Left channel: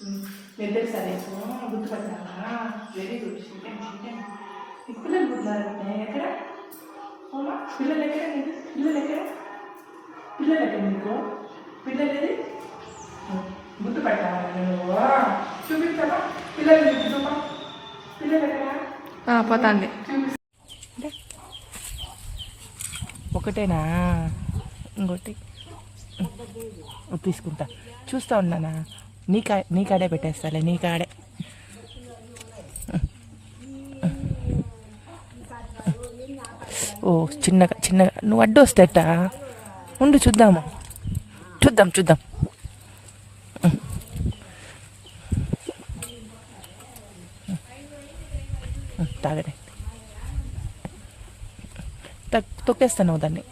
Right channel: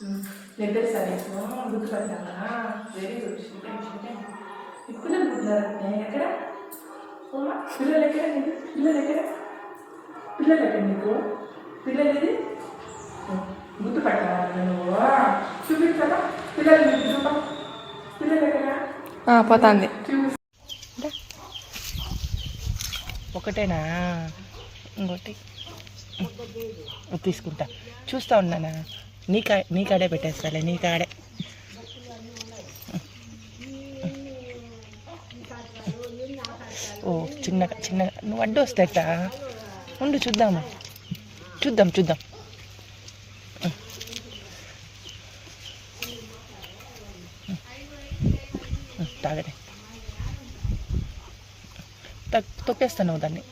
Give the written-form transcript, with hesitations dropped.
చెప్పేసా నీకు గుర్తుపట్టావా? Very good. Chicken ఈ పిల్లలు పుట్టినారు ఎక్కడ? అమ్మా పిల్లలు ఎక్కడ? నీకు పిల్లలు ఎక్కడ? పిల్లలు ఎక్కడ నీకు? పిల్లలు ఏది? గుర్తుపట్టావా నువ్వు? చూపించావా పిల్లలు? నీకు చూపా పిల్లలు ఎక్కడ? పోతుంది. ఒకటేనా? ఇంకోటి తీసుకుంటా. చూస్తా ఉన్నానా? నీ కాడే పెట్టేస్తాలే, నీ కాడే. ఓ చిన్నగా చిన్నగా నువ్వు అడ్డు వస్తేట ఉండు, చూద్దాము, చూద్దాం. తాగడే తొక్కేస్తాను దాన్ని.